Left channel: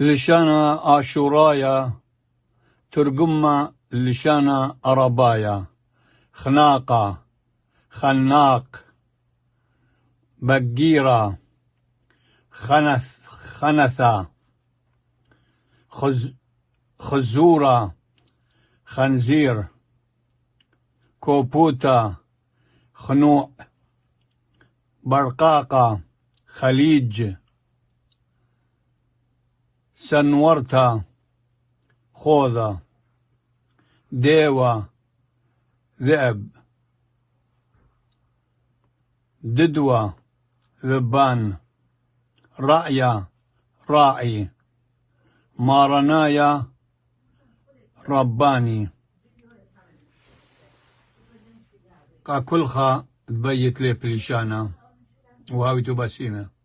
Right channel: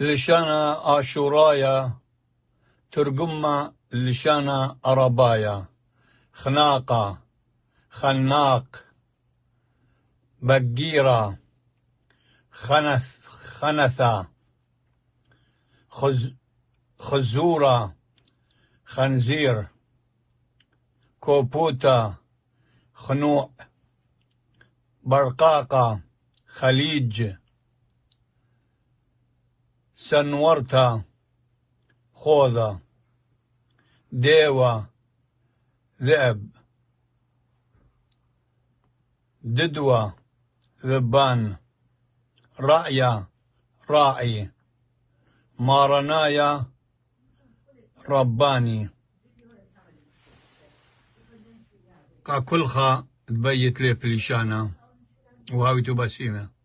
لشانا آشورايا ترجمة لشانا أربايا خناقة خناق بقيرة خنثة خزورة خنزير كوبوتا خنوع برقاقة خليج سنورتا خوذة ديوة ذئب ددوة ذبان رأية راعي مارنايا رباني كلها تبيت لي بليشانا وهاوي تباسيمه